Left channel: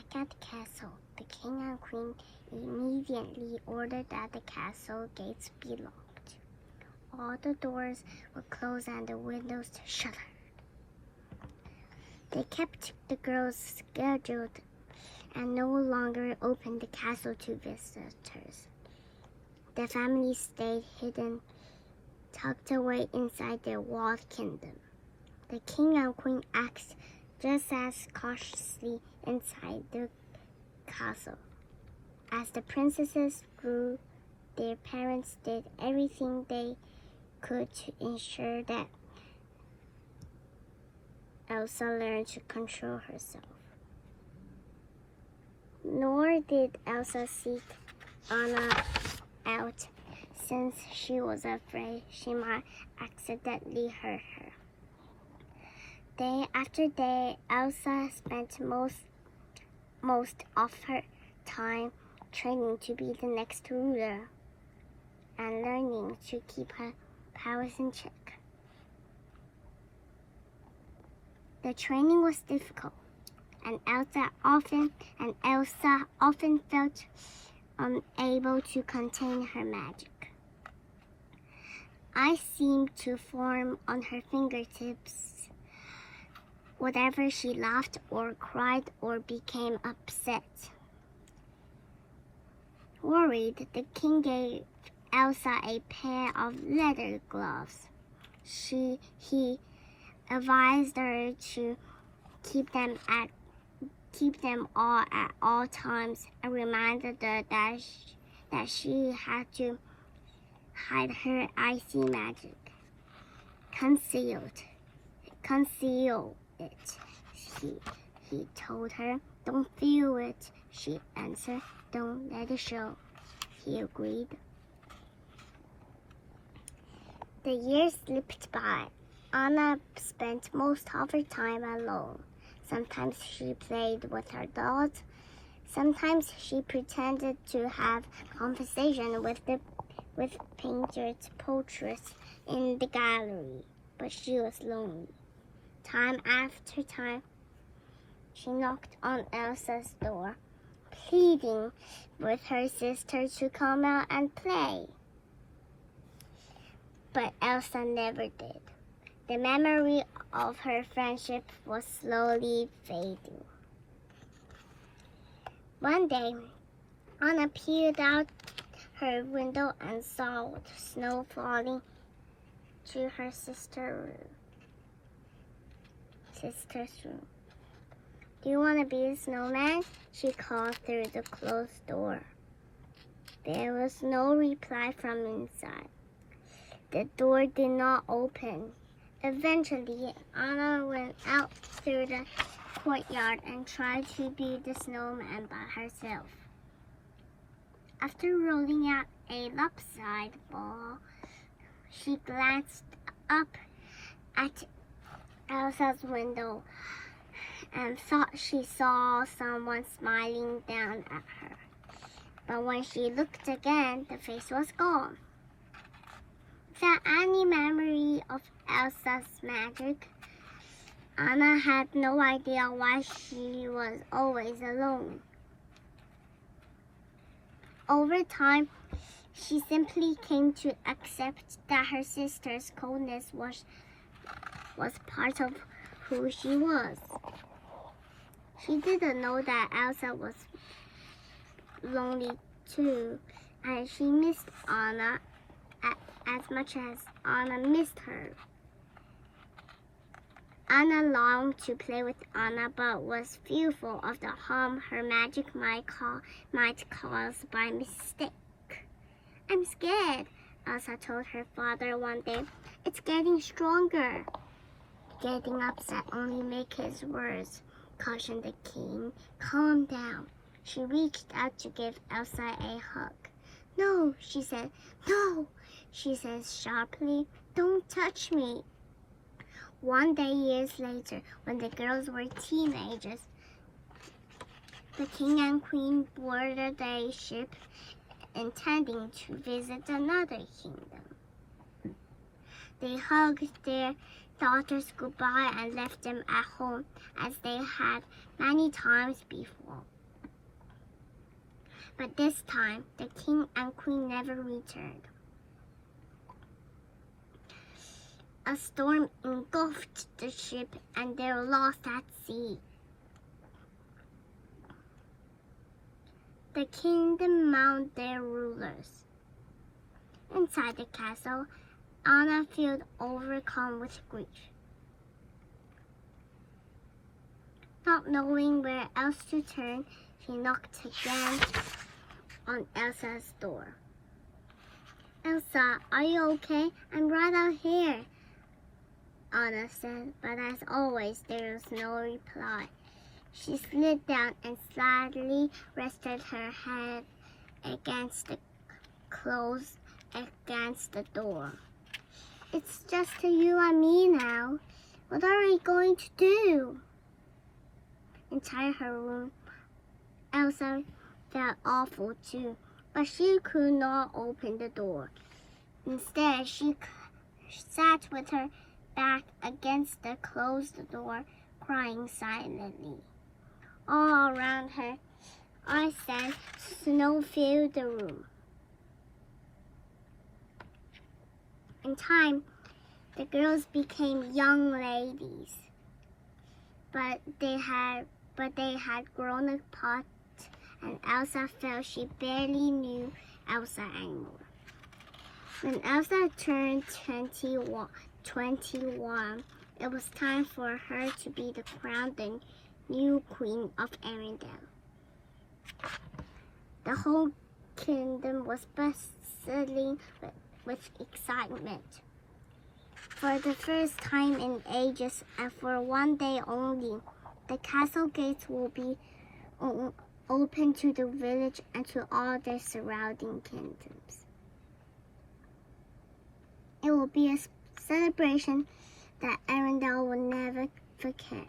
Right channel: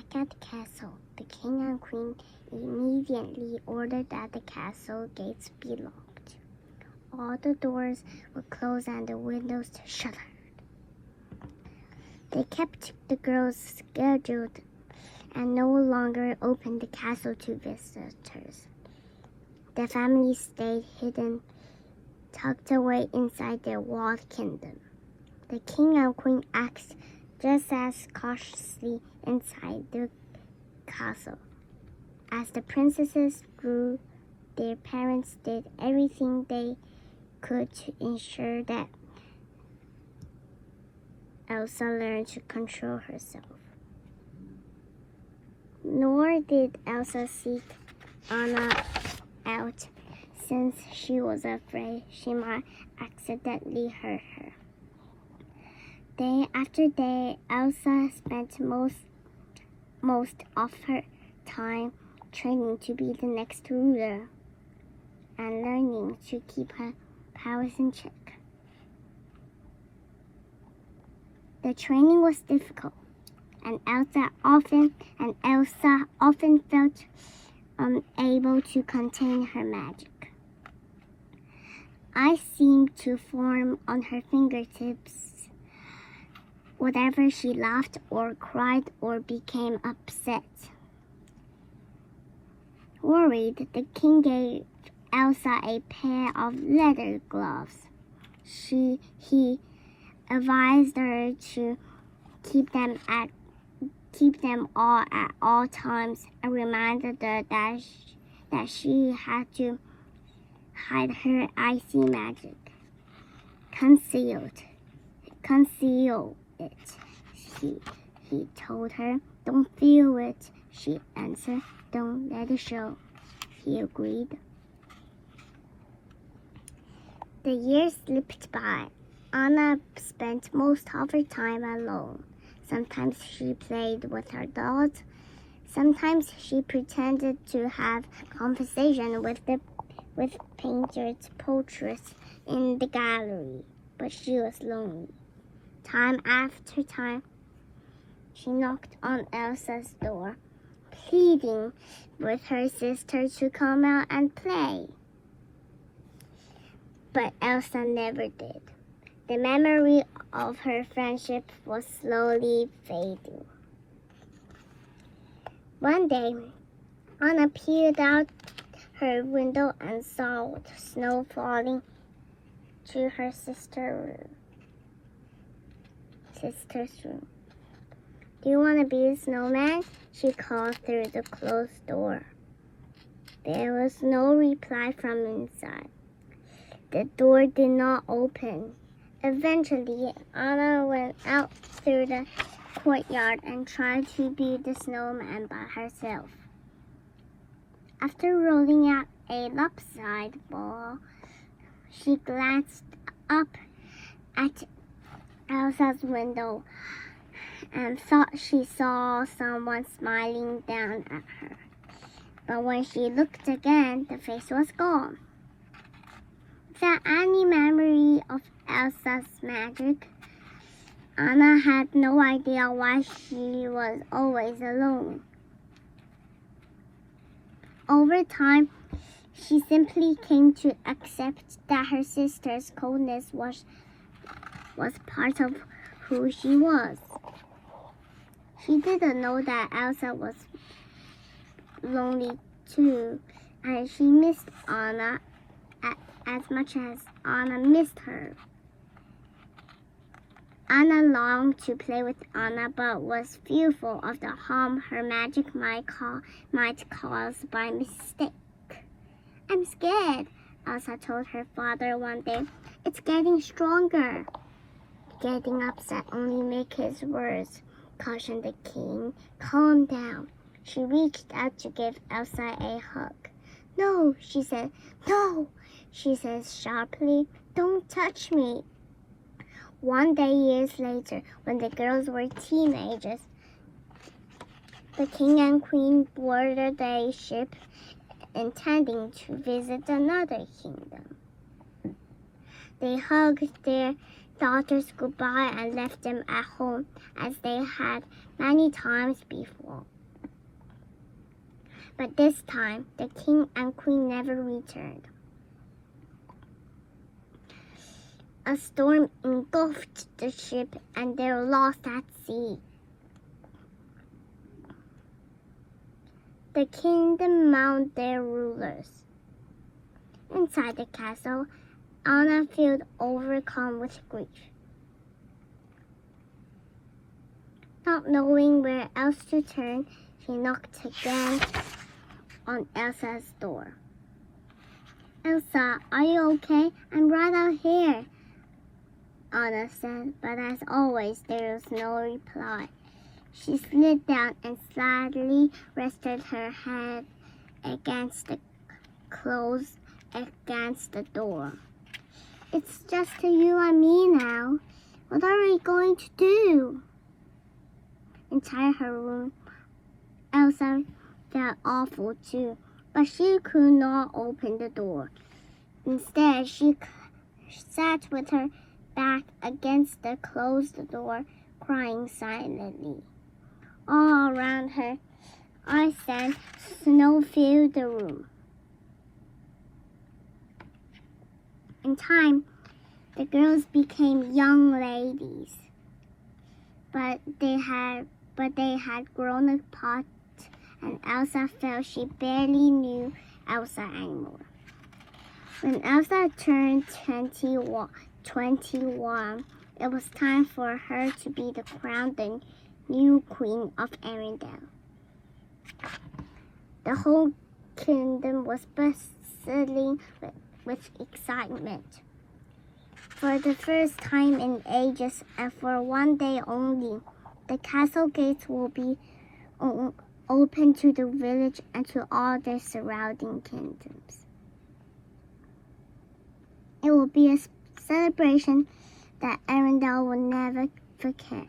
back at the castle, the king and queen immediately ordered that the castle gates be locked. All the doors were closed and the windows shuttered. They kept the girls scheduled and no longer opened the castle to visitors. The family stayed hidden, tucked away inside their walled kingdom. The king and queen acted just as cautiously inside the castle. As the princesses grew, their parents did everything they could to ensure that Elsa learned to control herself. Nor did Elsa seek Anna out, since she was afraid she might accidentally hurt her. Day after day, Elsa spent most of her time training to be the next ruler and learning to keep her powers in check. The training was difficult, and Elsa often felt unable to contain her magic. Ice seemed to form on her fingertips whenever she laughed or cried or became upset. Worried, the king gave Elsa a pair of leather gloves. He advised her to keep them all at all times and reminded her that she had to hide her icy magic. Conceal it, he told her. Don't feel it, she answered. Don't let it show, he agreed. The years slipped by. Anna spent most of her time alone. Sometimes she played with her dolls. Sometimes she pretended to have conversation with painted portraits in the gallery, but she was lonely. Time after time, she knocked on Elsa's door, pleading with her sister to come out and play. But Elsa never did. The memory of her friendship was slowly fading. One day, Anna peered out her window and saw snow falling to her sister's room. Do you want to be a snowman? She called through the closed door. There was no reply from inside. The door did not open. Eventually, Anna went out through the courtyard and tried to build the snowman by herself. After rolling out a lopsided ball, she glanced up at Elsa's window and thought she saw someone smiling down at her. But when she looked again, the face was gone. Without any memory of Elsa's magic, Anna had no idea why she was always alone. Over time, she simply came to accept that her sister's coldness was part of who she was. She didn't know that Elsa was lonely too, and she missed Anna as much as Anna missed her. Anna longed to play with Anna, but was fearful of the harm her magic might cause by mistake. I'm scared, Elsa told her father one day. It's getting stronger. Getting upset only made his worse, cautioned the king. Calm down. She reached out to give Elsa a hug. No, she said. No, she said sharply. Don't touch me. One day, years later, when the girls were teenagers, the king and queen boarded a ship intending to visit another kingdom. They hugged their daughters goodbye and left them at home as they had many times before. But this time, the king and queen never returned. A storm engulfed the ship and they were lost at sea. The kingdom mounted their rulers. Inside the castle, Anna felt overcome with grief. Not knowing where else to turn, she knocked again on Elsa's door. "Elsa, are you okay? I'm right out here," Anna said, but as always, there was no reply. She slid down and sadly rested her head against the close against the door. "It's just you and me now. What are we going to do?" Inside her room, Elsa felt awful too, but she could not open the door. Instead, she sat with her back against the closed door, crying silently. All around her, ice and snow filled the room. In time, the girls became young ladies, but they had grown apart, and Elsa felt she barely knew Elsa anymore. When Elsa turned 21, it was time for her to be the crowned new queen of Arendelle. The whole kingdom was bustling with excitement. For the first time in ages, and for one day only, the castle gates will be open to the village and to all the surrounding kingdoms. It will be a celebration that Arendelle will never forget.